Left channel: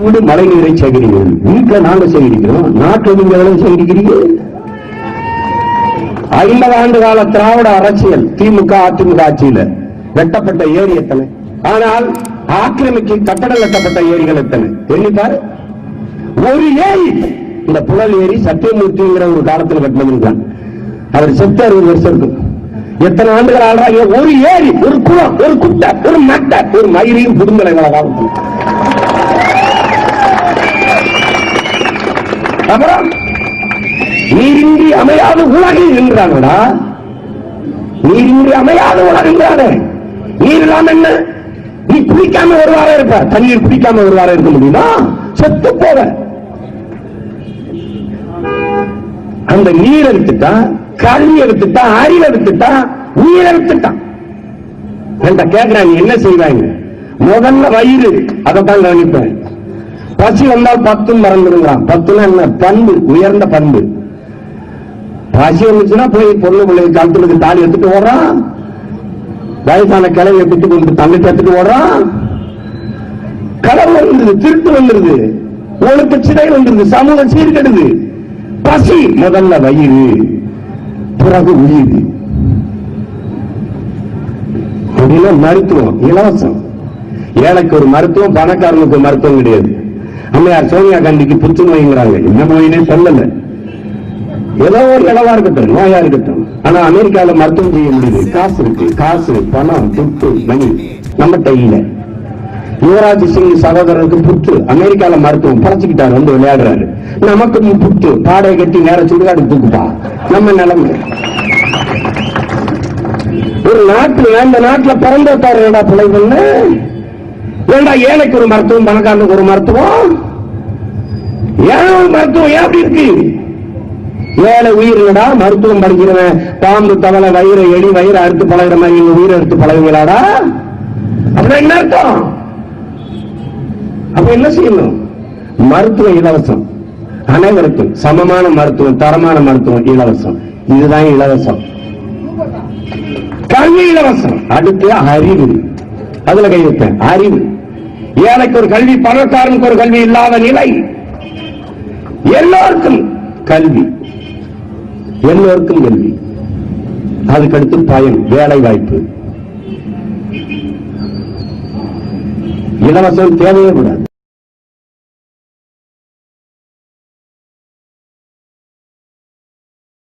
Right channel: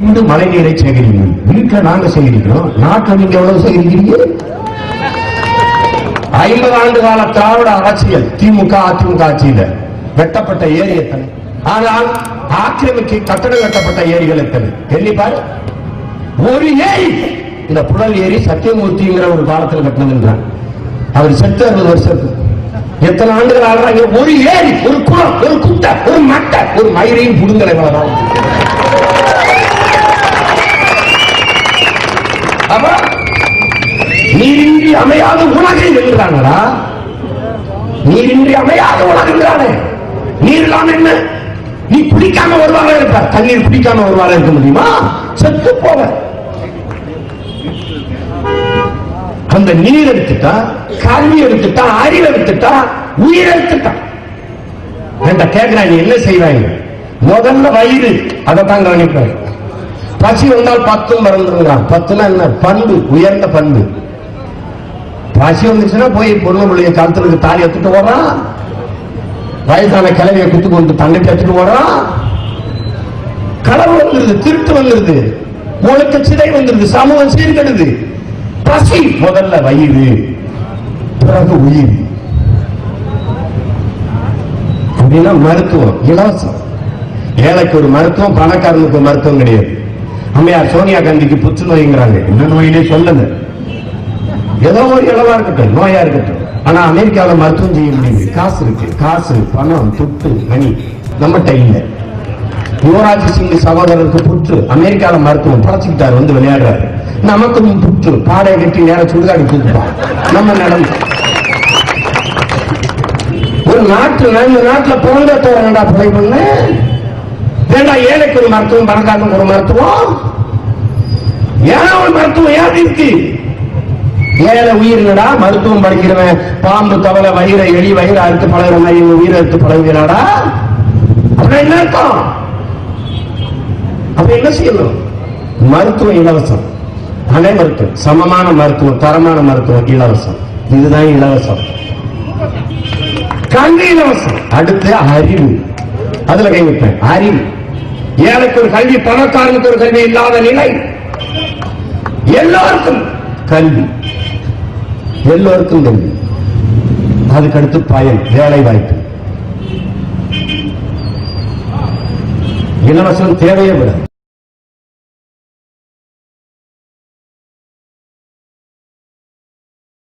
வீடு மழை நீரை சேகரிக்கிறோம் வீட்டில் நாங்க சேகரிக்கிறோம். நாட்டுல நீங்க எவ்வளவு சேகரிக்கிறீங்க? ஐம்பது ஆண்டு கால திராவிட அரசியல் திமுக அதிமுக ஆட்சியில வெட்டப்பட்ட ஏரி எத்தனை? ஆனால் ஆக்கிரமிக்கு கட்டடம் கட்டப்பட்ட ஏரிகள் எத்தனை? எண்ணிப்பார் ஒரு ஏரி. இந்த புழல் ஏரி சத்தியமூர்த்திங்கிற ஒரு காலத்தில் கட்டினதுதான் அவர் செத்து அறுபது வருஷம் எத்தனை ஆண்டுகள் ஆடுறாங்க? ஒரு ஏரி ஒரு குளம் ஒரு குட்டை ஒரு மட்டை ஒரு மயிரையும் புடுங்கலை ஆமா நீரின்றி அமையாத உலகை என்கிறாங்களா நீரின்றி அமையாத உலகின்றானே நீர் இல்லாம என்ன? நீ குடிக்காம ஒரு வாரம் இருப்ப தண்ணீர் குடிக்காம ஒரு வாரம் இருக்க முடியுமா? செத்து போற அந்த நீர் எடுத்துட்டா கல்வி எடுத்துட்டா அறிவு எடுத்துட்டா உயிர் எடுத்துட்டா. என்கிட்ட கேட்கிறா நீ என்ன செய்வாங்க முதல்ல வயிறு. அதை தான் கவனிப்பேன். பசி வந்தால் பத்தும் மறந்துடுவான் பத்துல என்ன? பண்பு உயர்ந்த பண்பு. பசி வந்துச்சுன்னா போய் பொண்ணு பிள்ளைய கழுத்துக்கு தாலி எடுத்துட்டு ஓடுறான் வயசான கிழவியை குத்து கொண்டு தண்ணி எடுத்துட்டு ஓடுறான் கடல் வந்துருது திருட்டு வந்துருது. உனக்கு சிறை வந்துருது சமூகம் சீர்கெடுது. பசி முதல்ல வயிறு பிறகு உயிர். அப்படின்னா மருத்துவம் இலவசம். ஏழைக்கு ஒரு மருத்துவம் பணக்காரனுக்கு மருத்துவம் கிடையாது. அம்மையார் சோனியா காந்திக்கு புற்றுநோய்ங்கிறாங்க என்ன நோயினே சொல்லல. ஏதோ ஒரு இடமா இருக்கட்டும் நோயா இருக்கட்டும். ஆனா அமெரிக்கால மருத்துவம் செய்ய முடியுது காசு இருக்கு. காசு பணம் துட்டு மணி. நம்மகிட்ட இல்லை. யுவராஜ் சிங் சகோதரருக்கு புற்று. அமெரிக்கால மருத்துவம் பழச்சுக்கிட்டாரு வந்து விளையாடுறாரு. நமக்கு புற்று. பாடை கட்டி நேர சுடுகாடு தூக்குப்பான் நம்ம நிலைமை. ஒரு நாட்டுல இந்த நாட்டுல பிறந்த வேண்டா பிள்ளைங்கன்னு வேண்டா ஏழைக்கு ஒரு மருத்துவம் பணக்காரனுக்கு ஒரு மருத்துவம்? ஏன் ஒரு மருத்துவம் ஏன் இருக்கு ஏழை உயிரினடா மருத்துவம் படிக்கிறவன் பாம்பு தவளை வயிறை எலி வயிறு அறுத்து பழகிற மாதிரி உயிரை எடுத்து பழகுகிறாடா? அப்ப என்ன அர்த்தம்? அப்ப என்ன செய்யணும்? மருத்துவம் இலவசம். அனைவருக்கும் சமமான மருத்துவம் தரமான மருத்துவம் இலவசம். இதுதான் இலவசம். கல்வி இலவசம். அடுத்து அறிவு. அதுல கைவிட்டேன் அறிவு. ஏழைக்கு ஒரு கல்வி பணக்காரனுக்கு ஒரு கல்வி இல்லாத நிலை. எல்லாருக்கும் கல்வி. எல்லோருக்கும் கல்வி. அதுக்கடுத்து பயன் வேலை வாய்ப்பு. இலவசம் தேவையே கூடாது.